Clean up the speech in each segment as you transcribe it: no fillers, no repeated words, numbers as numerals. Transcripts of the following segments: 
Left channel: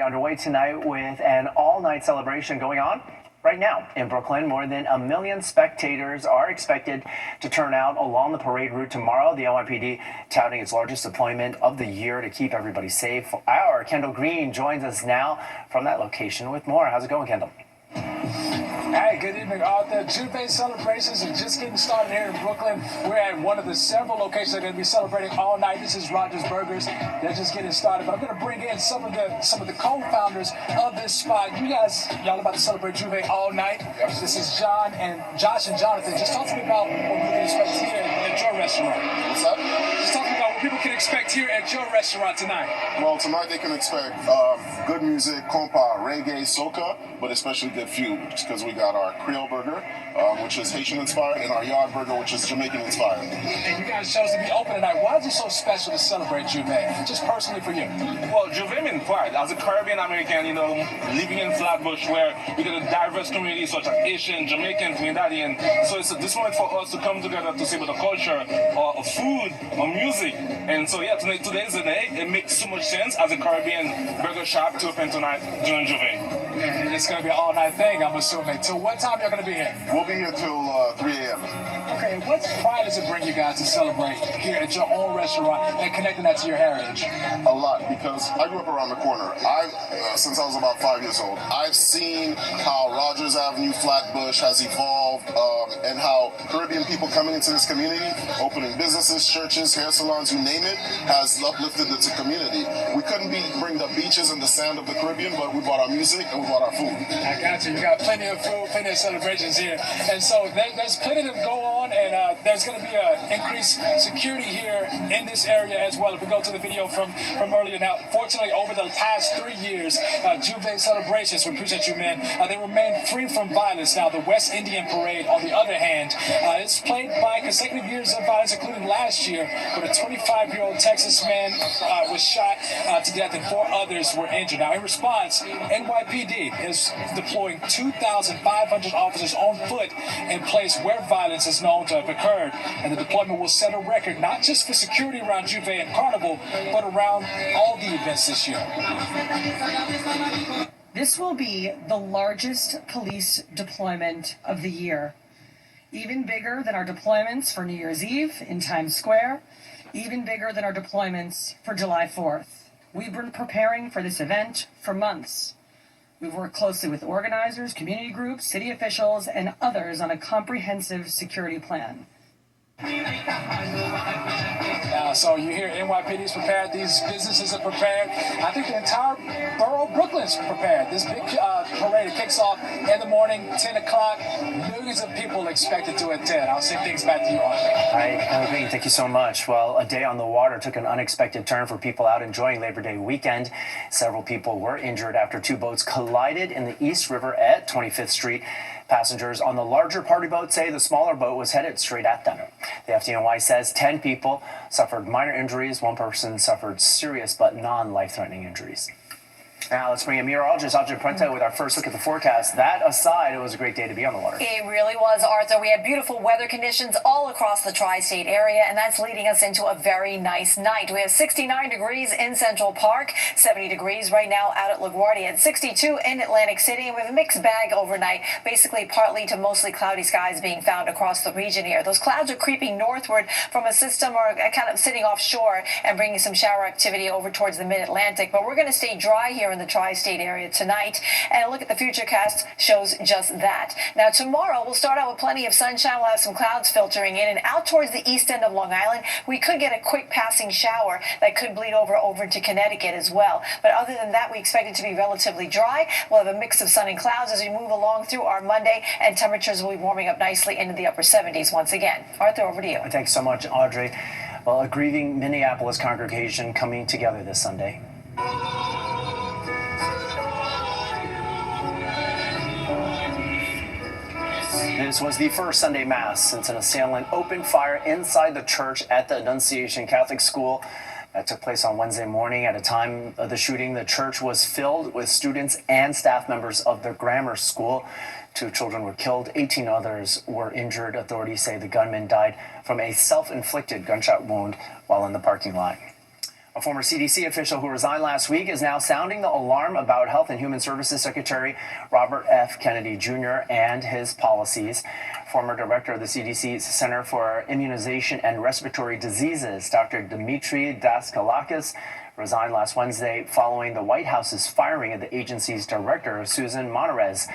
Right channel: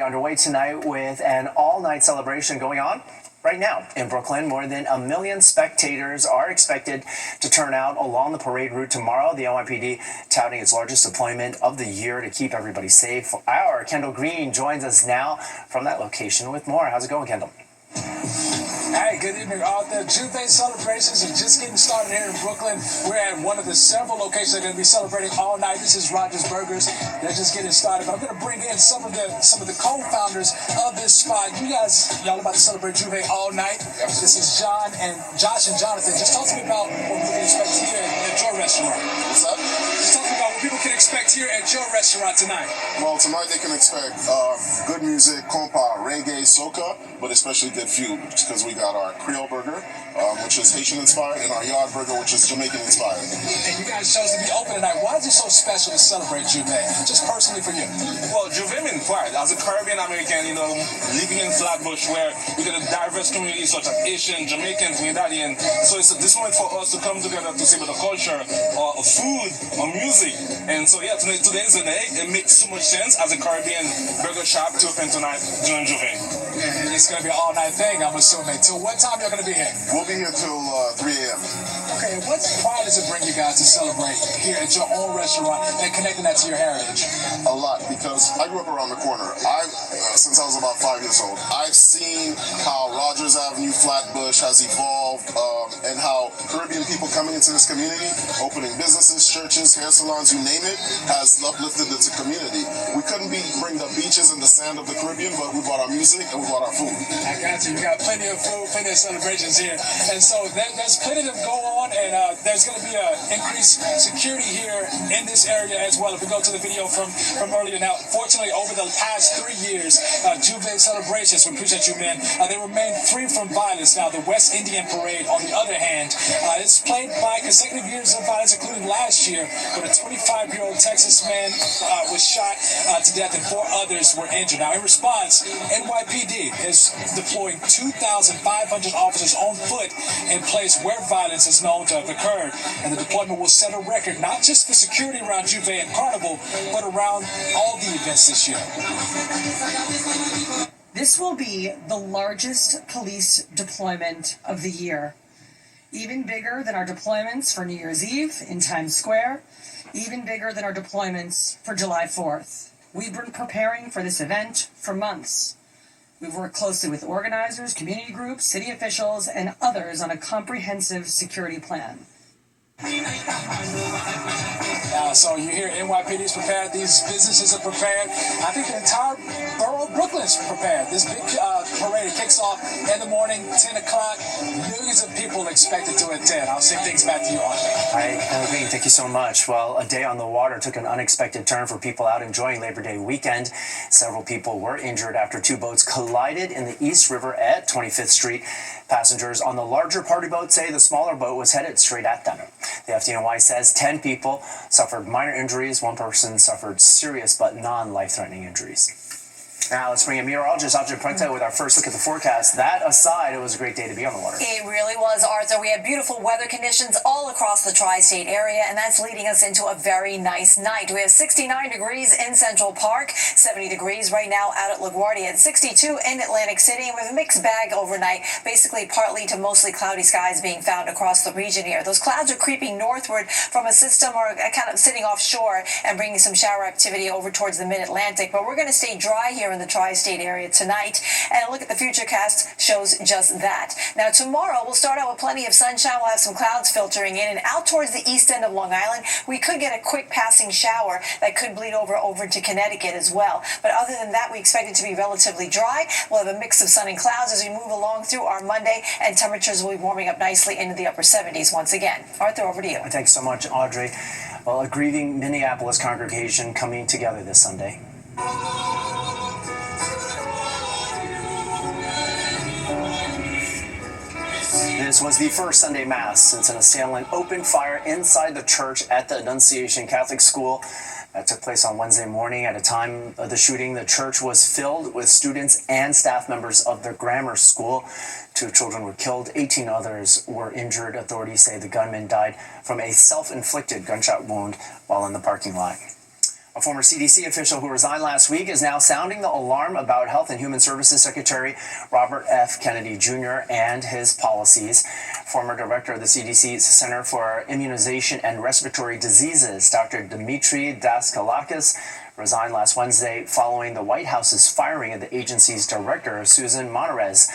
Underway tonight with an all-night celebration going on right now in Brooklyn. More than 1 million spectators are expected to turn out along the parade route tomorrow. The NYPD touting its largest deployment of the year to keep everybody safe. Our Kendall Green joins us now from that location with more. How's it going, Kendall? Hey, good evening, Arthur. Juve celebrations are just getting started here in Brooklyn. We're at one of the several locations that are going to be celebrating all night. This is Rogers Burgers. They're just getting started, but I'm going to bring in some of the co-founders of this spot. Y'all about to celebrate Juve all night. This is Josh and Jonathan. Just talk to me about what we can expect here at your restaurant. What's up? Just talk to me about what people can expect here at your restaurant tonight. Well, tonight they can expect good music, compa, reggae, soca, but especially good food because we got our Creole burger, which is Haitian inspired, and our yard burger, which is Jamaican inspired. And you guys chose to be open tonight. Why is it so special to celebrate Juve? Just personally for you. Well, Juve means pride. As a Caribbean American, living in Flatbush where we got a diverse community such as Asian, Jamaican, Trinidadian. So it's this moment for us to come together to see about the culture, or food, or music. And so yeah, today is the day. It makes so much sense as a Caribbean burger shop to open tonight during Juve. And it's going to be an all-night thing, I'm assuming. Till what time y'all going to be here? We'll be here till 3 a.m. Okay, what pride does it bring you guys to celebrate here at your own restaurant and connecting that to your heritage? A lot, because I grew up around the corner. Since I was about 5 years old, I've seen how Rogers Avenue, Flatbush has evolved, and how Caribbean people coming into this community, opening businesses, churches, hair salons, you name it, has uplifted the community. We couldn't bring the beaches and the sand of the Caribbean, but we brought our music and we brought our food. I got you. You got plenty of food, plenty of celebrations here. And so there's plenty to go on, and there's going to be increased security here in this area as well. If we go to the video from earlier. Now, fortunately, over the past 3 years, Juve celebrations, we appreciate you, man, they remain free from violence. Now, the West Indian Parade, on the other hand, it's plagued by consecutive years of violence, including last year, where a 25-year-old Texas man was shot to death and 4 others were injured. Now, in response, NYPD is deploying 2,500 officers on foot in place where violence is known to have occurred. And the deployment will set a record, not just for security around Juve and Carnival, but around all the events this year. This will be the largest police deployment of the year. Even bigger than our deployments for New Year's Eve in Times Square, even bigger than our deployments for July 4th. We've been preparing for this event for months. We've worked closely with organizers, community groups, city officials, and others on a comprehensive security plan. So you hear NYPD is prepared, these businesses are prepared. I think the entire borough of Brooklyn is prepared. This big parade kicks off in the morning, 10 o'clock. Millions of people expected to attend. I'll send things back to you, Arthur. All right, Kendall Green, thank you so much. Well, a day on the water took an unexpected turn for people out enjoying Labor Day weekend. Several people were injured after 2 boats collided in the East River at 25th Street. Passengers on the larger party boat say the smaller boat was headed straight at them. The FDNY says 10 people suffered minor injuries. 1 person suffered serious but non-life-threatening injuries. Now let's bring in meteorologist Audrey Puente with our first look at the forecast. That aside, it was a great day to be on the water. It really was, Arthur. We had beautiful weather conditions all across the tri-state area, and that's leading us into a very nice night. We have 69 degrees in Central Park, 70 degrees right now out at LaGuardia, at 62 in Atlantic City, and with a mixed bag overnight, basically partly to mostly cloudy skies being found across the region here. Those clouds are creeping northward from a system or kind of sitting offshore and bringing some shower activity over towards the mid-Atlantic, but we're going to stay dry here in the tri-state area tonight, and a look at the futurecast shows just that. Now tomorrow we'll start out with plenty of sunshine. We'll have some clouds filtering in, and out towards the east end of Long Island we could get a quick passing shower that could bleed over into Connecticut as well. But other than that, we expect it to be relatively dry. We'll have a mix of sun and clouds as we move along through our Monday, and temperatures will be warming up nicely into the upper 70s once again. Arthur, over to you. Thanks so much, Audrey. Well, a grieving Minneapolis congregation coming together this Sunday. This was the first Sunday Mass since an assailant opened fire inside the church at the Annunciation Catholic School. That took place on Wednesday morning. At a time of the shooting, the church was filled with students and staff members of the grammar school. 2 children were killed, 18 others were injured. Authorities say the gunman died from a self-inflicted gunshot wound while in the parking lot. A former CDC official who resigned last week is now sounding the alarm about Health and Human Services Secretary Robert F. Kennedy Jr. and his policies. Former director of the CDC's Center for Immunization and Respiratory Diseases, Dr. Dmitry Daskalakis, resigned last Wednesday following the White House's firing of the agency's director, Susan Monterez.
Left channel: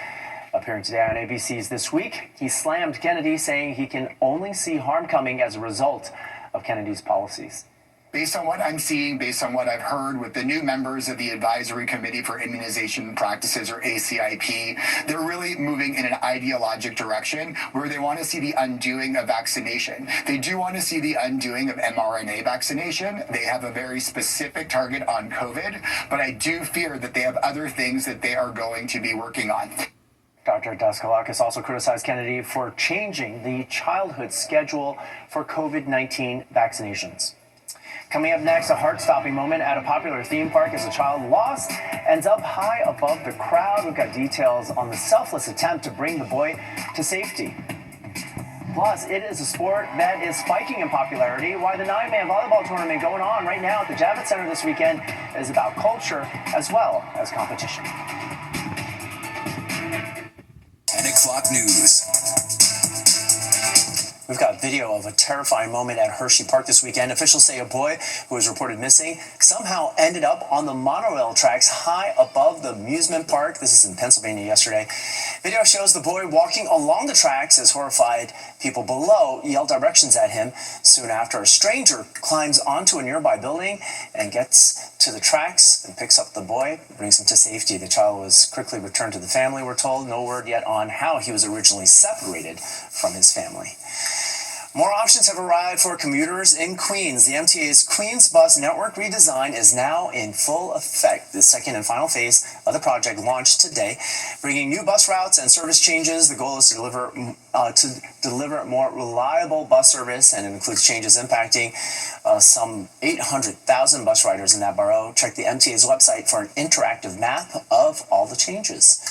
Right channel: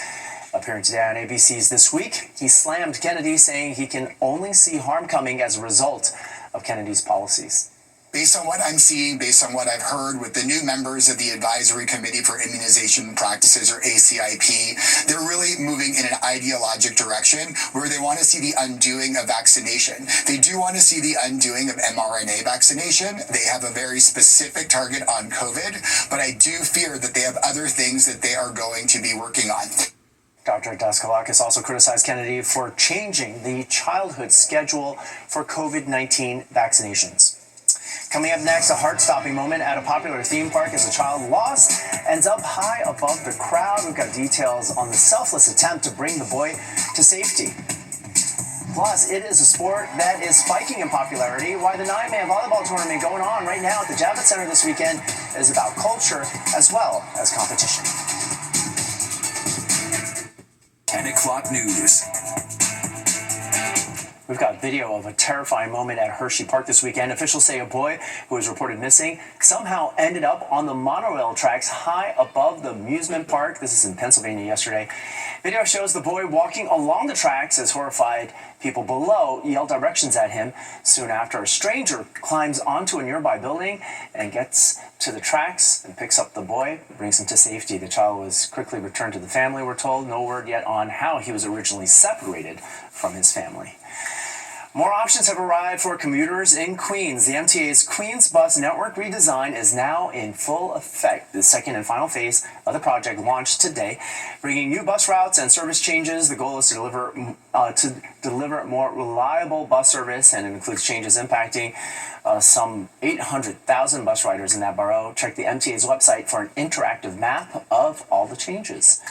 Appearing today on ABC's This Week, he slammed Kennedy, saying he can only see harm coming as a result of Kennedy's policies. Based on what I'm seeing, based on what I've heard with the new members of the Advisory Committee for Immunization Practices, or ACIP, they're really moving in an ideologic direction where they want to see the undoing of vaccination. They do want to see the undoing of mRNA vaccination. They have a very specific target on COVID, but I do fear that they have other things that they are going to be working on. Dr. Daskalakis also criticized Kennedy for changing the childhood schedule for COVID-19 vaccinations. Coming up next, a heart-stopping moment at a popular theme park as a child lost ends up high above the crowd. We've got details on the selfless attempt to bring the boy to safety. Plus, it is a sport that is spiking in popularity. Why the 9-man volleyball tournament going on right now at the Javits Center this weekend is about culture as well as competition. 10 o'clock news. We've got video of a terrifying moment at Hershey Park this weekend. Officials say a boy who was reported missing somehow ended up on the monorail tracks high above the amusement park. This is in Pennsylvania yesterday. Video shows the boy walking along the tracks as horrified people below yell directions at him. Soon after, a stranger climbs onto a nearby building and gets to the tracks and picks up the boy, brings him to safety. The child was quickly returned to the family, we're told. No word yet on how he was originally separated from his family. More options have arrived for commuters in Queens. The MTA's Queens Bus Network redesign is now in full effect. The second and final phase of the project launched today, bringing new bus routes and service changes. The goal is to deliver more reliable bus service, and it includes changes impacting some 800,000 bus riders in that borough. Check the MTA's website for an interactive map of all the changes.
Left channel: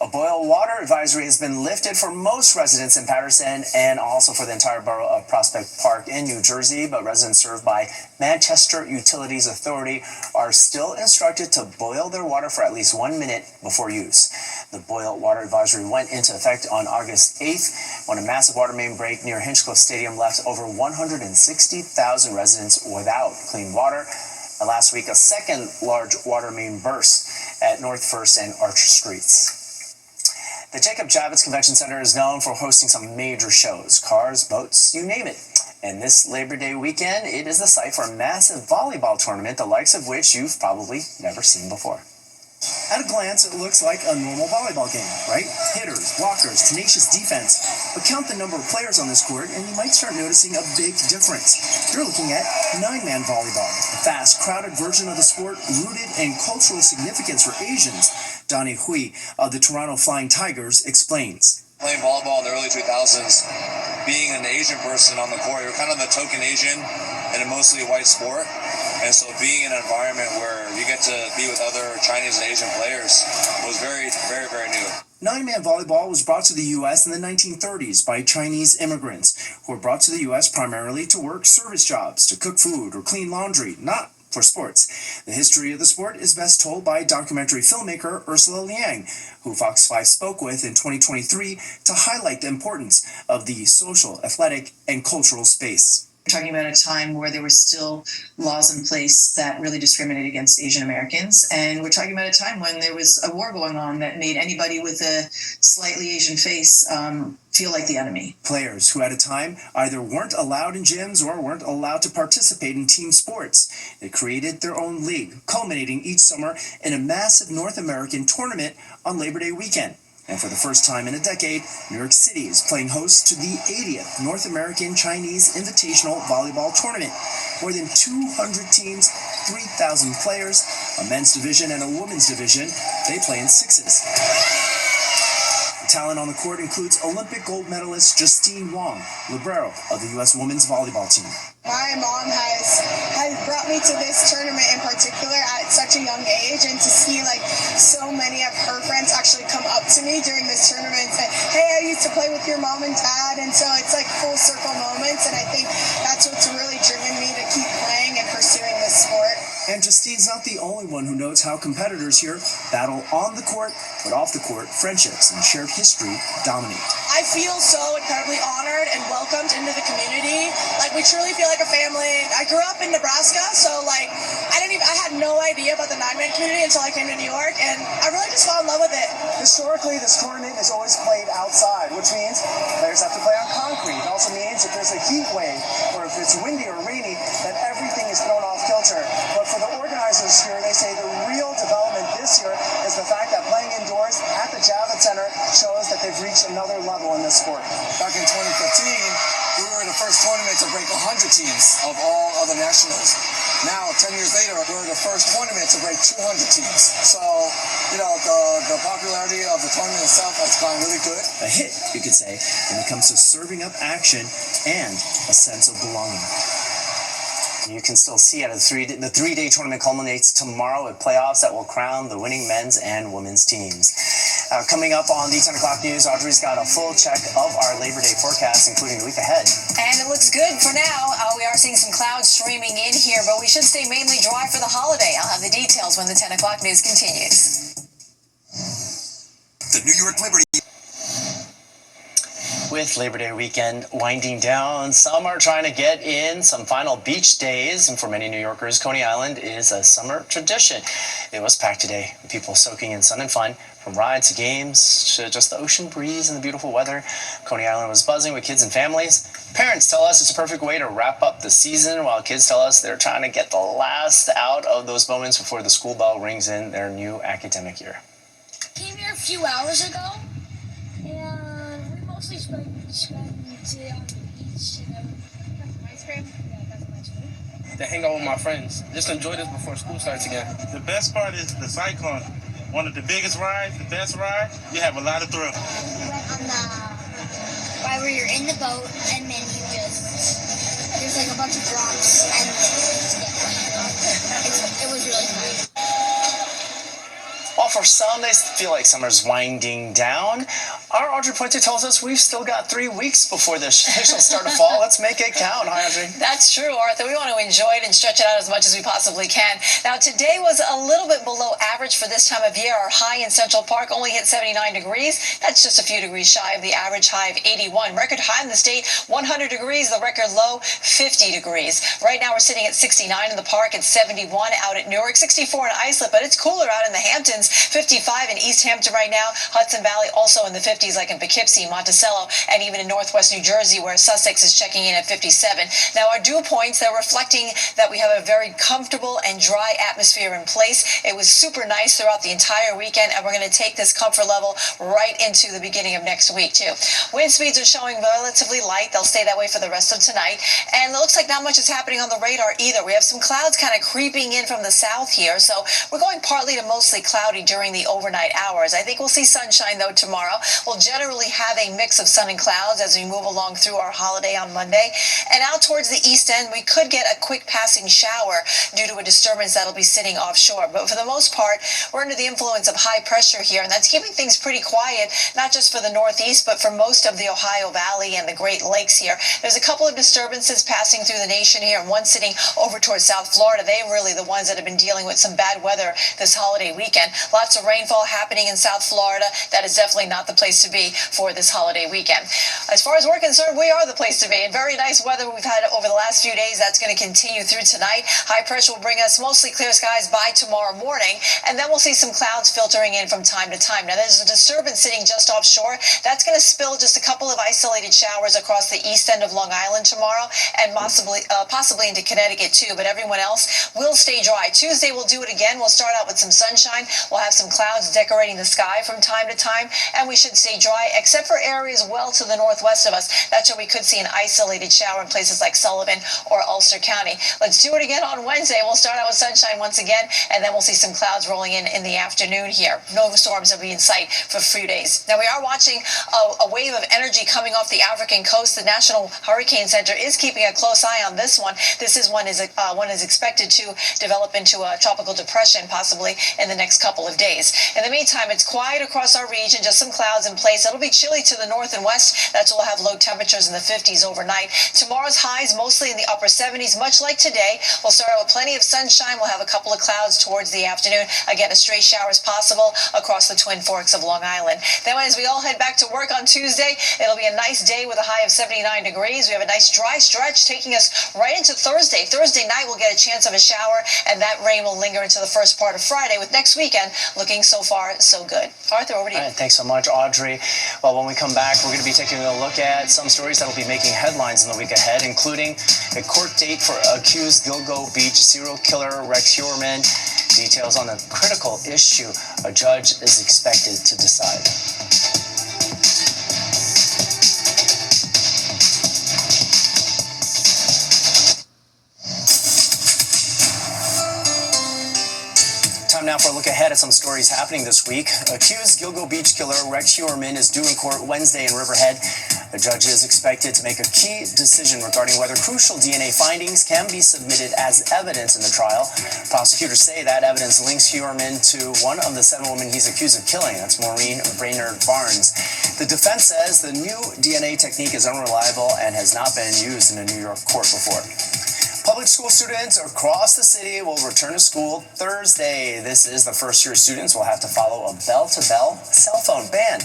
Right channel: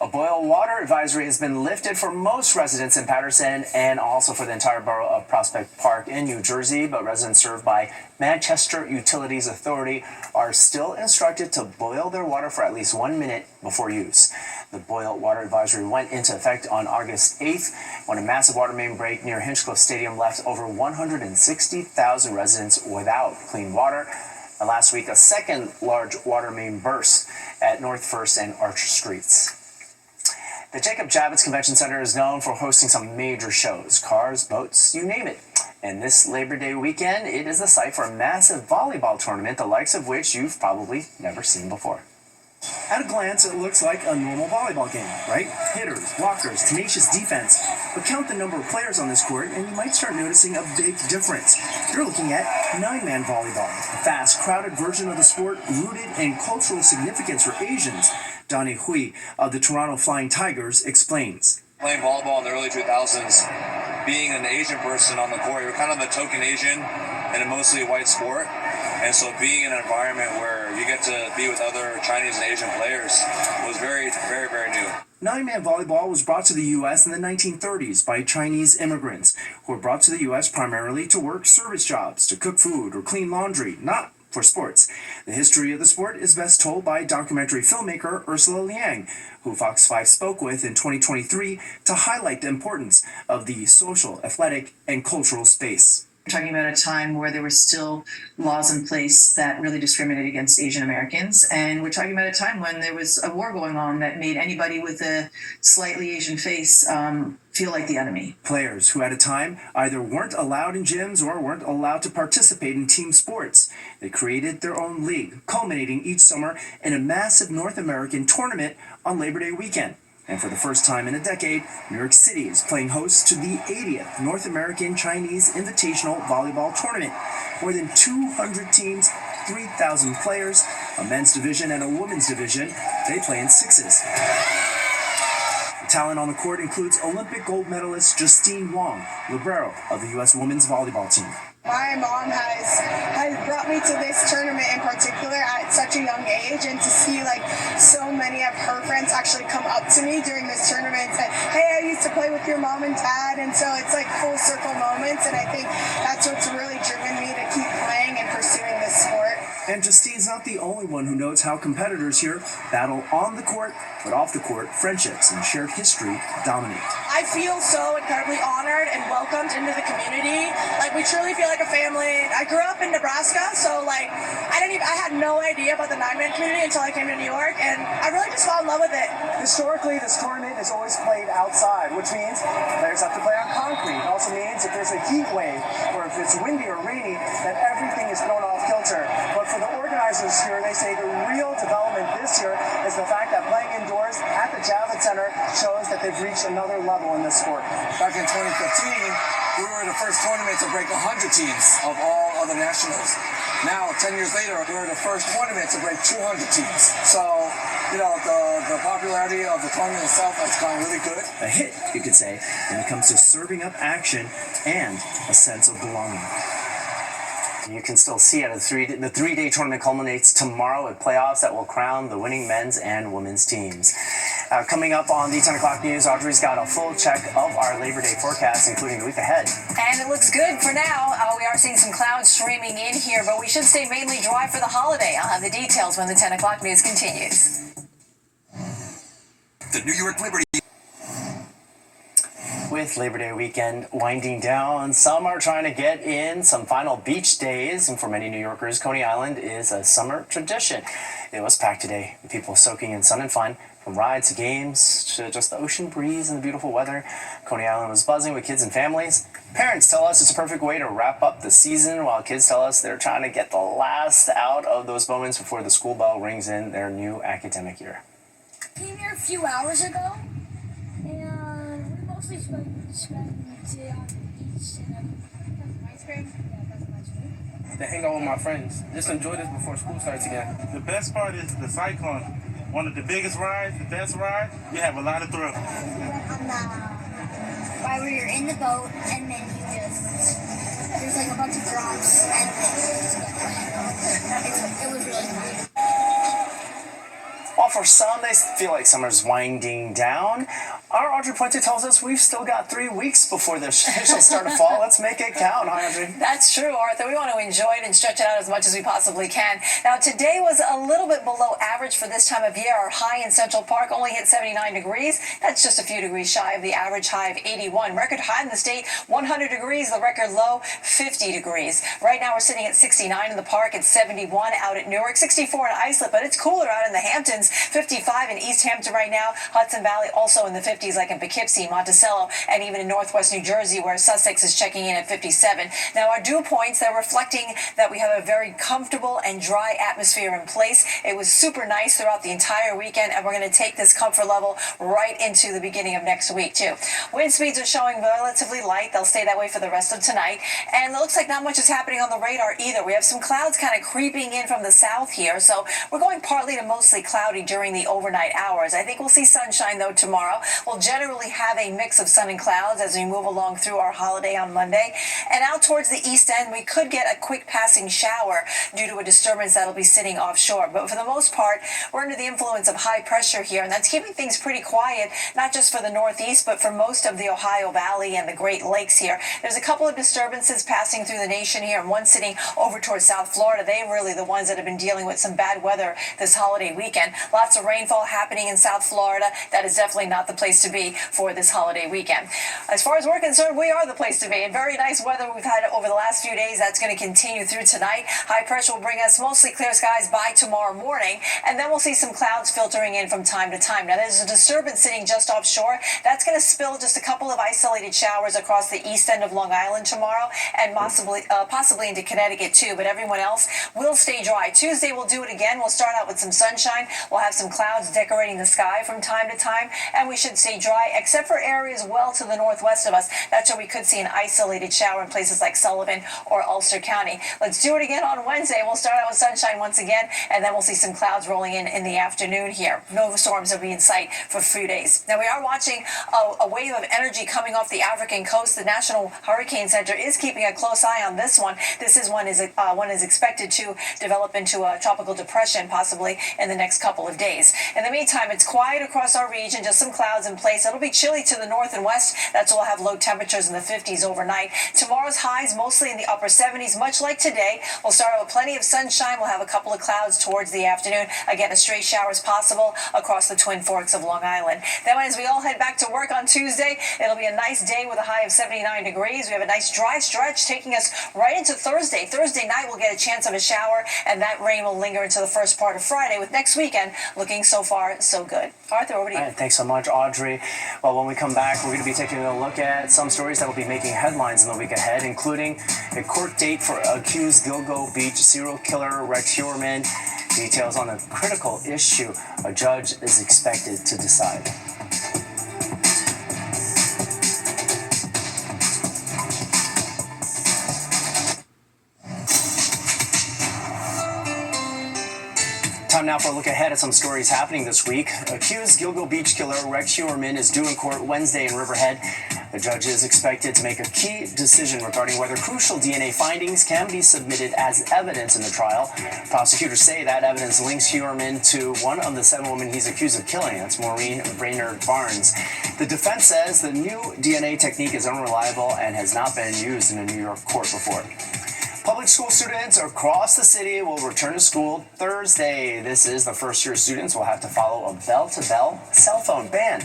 A boil water advisory has been lifted for most residents in Paterson and also for the entire borough of Prospect Park in New Jersey, but residents served by Manchester Utilities Authority are still instructed to boil their water for at least 1 minute before use. The boil water advisory went into effect on August 8th when a massive water main break near Hinchcliffe Stadium left over 160,000 residents without clean water. And last week, a second large water main burst at North 1st and Archer Streets. The Jacob Javits Convention Center is known for hosting some major shows, cars, boats, you name it. And this Labor Day weekend, it is the site for a massive volleyball tournament, the likes of which you've probably never seen before. At a glance, it looks like a normal volleyball game, right? Hitters, blockers, tenacious defense. But count the number of players on this court, and you might start noticing a big difference. You're looking at 9-man volleyball, a fast, crowded version of the sport rooted in cultural significance for Asians. Donnie Hui of the Toronto Flying Tigers explains. Playing volleyball in the early 2000s, being an Asian person on the court, you're kind of a token Asian in a mostly white sport. And so being in an environment where you get to be with other Chinese and Asian players was very, very, very new. 9-man volleyball was brought to the U.S. in the 1930s by Chinese immigrants who were brought to the U.S. primarily to work service jobs, to cook food or clean laundry, not for sports. The history of the sport is best told by documentary filmmaker Ursula Liang, who Fox 5 spoke with in 2023 to highlight the importance of the social, athletic, and cultural space. We're talking about a time where there were still laws in place that really discriminated against Asian Americans. And we're talking about a time when there was a war going on that made anybody with a slightly Asian face feel like the enemy. Players who at a time either weren't allowed in gyms or weren't allowed to participate in team sports. They created their own league, culminating each summer in a massive North American tournament on Labor Day weekend. And for the first time in a decade, New York City is playing host to the 80th North American Chinese Invitational Volleyball Tournament. More than 200 teams, 3,000 players, a men's division and a women's division. They play in sixes. The talent on the court includes Olympic gold medalist Justine Wong, libero of the U.S. women's volleyball team. My mom has brought me to this tournament in particular at such a young age, and to see like so many of her friends actually come up to me during this tournament and say, hey, I used to play with your mom and dad, and so it's like full circle moments, and I think that's what's really driven me to keep playing and pursuing this sport. And Justine's not the only one who knows how competitors here battle on the court, but off the court, friendships and shared history dominate. I feel so incredibly honored and welcomed into the community. Like, we truly feel like a family. I grew up in Nebraska, so like I had no idea about the nine-man community until I came to New York, and I really just fell in love with it. Historically, this tournament is always played outside, which means players have to play on concrete. It also means if there's a heat wave or if it's windy or rainy, that everything is thrown off kilter. But for the organizers here, they say the real development this year is the fact that playing indoors at the Javits Center shows that they've reached another level in this sport. Back in 2015, we were the first tournament to break 100 teams of all other nationals. Now, 10 years later, we're the first tournament to break 200 teams. So, the popularity of the tournament itself has gone really good. A hit, you could say, when it comes to serving up action and a sense of belonging. You can still see it. The three-day tournament culminates tomorrow with playoffs that will crown the winning men's and women's teams. Coming up on the 10 o'clock news, Audrey's got a full check of our Labor Day forecast, including the week ahead. And it looks good for now. We are seeing some clouds streaming in here, but we should stay mainly dry for the holiday. I'll have the details when the 10 o'clock news continues. The New York Liberty. With Labor Day weekend winding down, some are trying to get in some final beach days, and for many New Yorkers, Coney Island is a summer tradition. It was packed today with people soaking in sun and fun, from rides to games to just the ocean breeze and the beautiful weather. Coney Island was buzzing with kids and families. Parents tell us it's a perfect way to wrap up the season, while kids tell us they're trying to get the last out of those moments before the school bell rings in their new academic year. Came here a few hours ago, and we mostly spent the day on the beach and got some ice cream. Yeah, got some ice cream. To hang out with my friends. Just enjoy this before school starts again. The best part is the Cyclone. One of the biggest rides, the best ride. You have a lot of thrill. We went on the ride where you're in the boat and then you just, there's like a bunch of drops and then you just get wet. It was really fun. While for some, they feel like summer's winding down, our Audrey Pointer tells us we've still got 3 weeks before the official start of fall. Let's make it count, huh, Audrey? That's true, Arthur. We want to enjoy it and stretch it out as much as we possibly can. Now, today was a little bit below average for this time of year. Our high in Central Park only hit 79 degrees. That's just a few degrees shy of the average high of 81. Record high in the state, 100 degrees. The record low, 50 degrees. Right now, we're sitting at 69 in the park. It's 71 out at Newark, 64 in Islip, but it's cooler out in the Hamptons. 55 in East Hampton right now. Hudson Valley also in the 50s, like in Poughkeepsie, Monticello, and even in Northwest New Jersey, where Sussex is checking in at 57. Now, our dew points, they're reflecting that we have a very comfortable and dry atmosphere in place. It was super nice throughout the entire weekend, and we're going to take this comfort level right into the beginning of next week, too. Wind speeds are showing relatively light. They'll stay that way for the rest of tonight. And it looks like not much is happening on the radar either. We have some clouds kind of creeping in from the south here, so we're going partly to mostly cloudy during the overnight hours. I think we'll see sunshine, though, tomorrow. We'll generally have a mix of sun and clouds as we move along through our holiday on Monday. And out towards the east end, we could get a quick passing shower due to a disturbance that'll be sitting offshore. But for the most part, we're under the influence of high pressure here, and that's keeping things pretty quiet, not just for the Northeast, but for most of the Ohio Valley and the Great Lakes here. There's a couple of disturbances passing through the nation here, and one sitting over towards South Florida. They're really the ones that have been dealing with some bad weather this holiday weekend. Lots of rainfall happening in South Florida. That is definitely not the place to be for this holiday weekend. As far as we're concerned, we are the place to be. And very nice weather we've had over the last few days. That's going to continue through tonight. High pressure will bring us mostly clear skies by tomorrow morning, and then we'll see some clouds filtering in from time to time. Now, there's a disturbance sitting just offshore. That's going to spill just a couple of isolated showers across the east end of Long Island tomorrow, and possibly into Connecticut too, but everyone else will stay dry. Tuesday we'll do it again. We'll start out with some sunshine. We'll have some clouds decorating the sky from time to time, and we should stay dry except for areas well to the northwest of us. That's where we could see an isolated shower in places like Sullivan or Ulster County. Let's do it again on Wednesday. We'll start out with sunshine once again, and then we'll see some clouds rolling in the afternoon here. No storms will be in sight for a few days. Now, we are watching a wave of energy coming off the African coast. The National Hurricane Center is keeping a close eye on this one. One is expected to develop into a tropical depression possibly in the next couple of of days. In the meantime, it's quiet across our region, just some clouds in place. It'll be chilly to the north and west. That's why we'll have low temperatures in the 50s overnight. Tomorrow's highs mostly in the upper 70s, much like today. We'll start out with plenty of sunshine. We'll have a couple of clouds towards the afternoon. Again, a stray shower is possible across the Twin Forks of Long Island. Then as we all head back to work on Tuesday, it'll be a nice day with a high of 79 degrees. We have a nice dry stretch taking us right into Thursday. Thursday night, we'll get a chance of a shower, and that rain will linger into the first part of Friday, with next weekend looking so far so good. Arthur, over to you. All right, thanks so much, Audrey. Well, when we come back, we're going to be taking a look at some stories that will be making headlines in the week ahead, including a court date for accused Gilgo Beach serial killer Rex Heuermann. Details on a critical issue a judge is expected to decide. Time now for a look ahead at some stories happening this week. Accused Gilgo Beach killer Rex Heuermann is due in court Wednesday in Riverhead. The judge is expected to make a key decision regarding whether crucial DNA findings can be submitted as evidence in the trial. Prosecutors say that evidence links Heuermann to one of the 7 women he's accused of killing. That's Maureen Brainerd Barnes. The defense says the new DNA technique is unreliable and has not been used in a New York court before. Public school students across the city will return to school Thursday. This is the first year students will have to follow a bell-to-bell cell phone ban.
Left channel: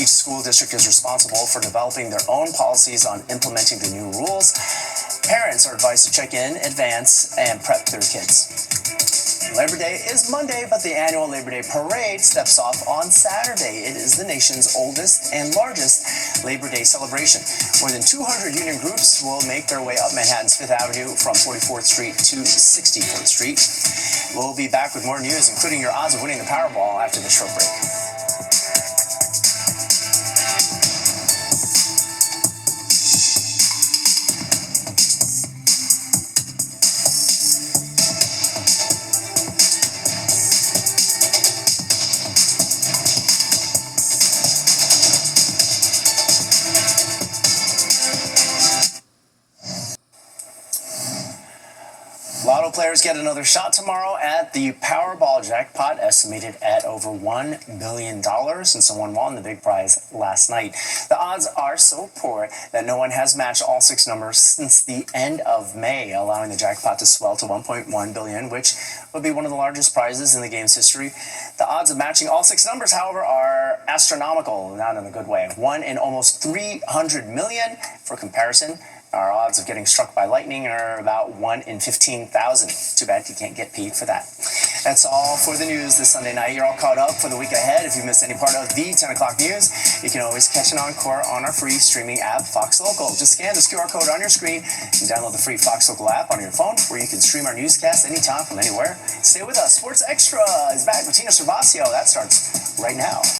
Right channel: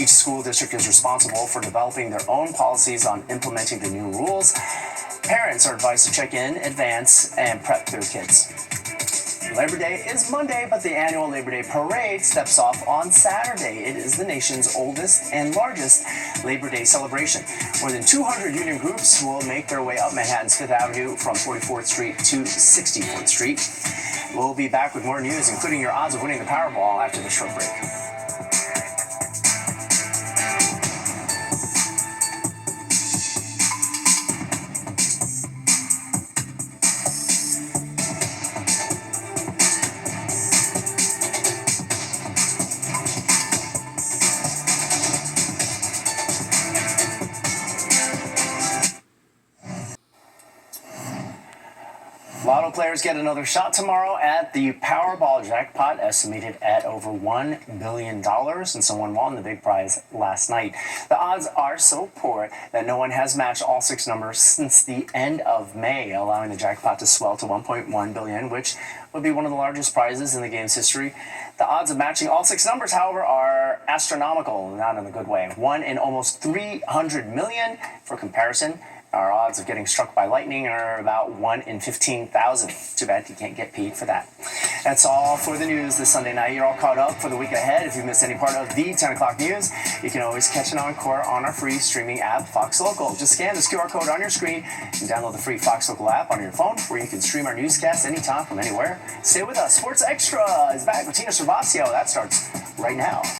Each school district is responsible for developing their own policies on implementing the new rules. Parents are advised to check in advance and prep their kids. Labor Day is Monday, but the annual Labor Day Parade steps off on Saturday. It is the nation's oldest and largest Labor Day celebration. More than 200 union groups will make their way up Manhattan's 5th Avenue from 44th Street to 64th Street. We'll be back with more news, including your odds of winning the Powerball after the short break. Lotto players get another shot tomorrow at the Powerball jackpot, estimated at over $1 billion, and someone won the big prize last night. The odds are so poor that no one has matched all 6 numbers since the end of May, allowing the jackpot to swell to $1.1 billion, which would be one of the largest prizes in the game's history. The odds of matching all 6 numbers, however, are astronomical, not in a good way. 1 in almost 300 million. For comparison, our odds of getting struck by lightning are about 1 in 15,000. Too bad you can't get paid for that. That's all for the news this Sunday night. You're all caught up for the week ahead. If you missed any part of the 10 o'clock news, you can always catch an encore on our free streaming app, Fox Local. Just scan this QR code on your screen and download the free Fox Local app on your phone, where you can stream our newscast anytime from anywhere. Stay with us. Sports Extra is back with Tina Cervasio. That starts right now.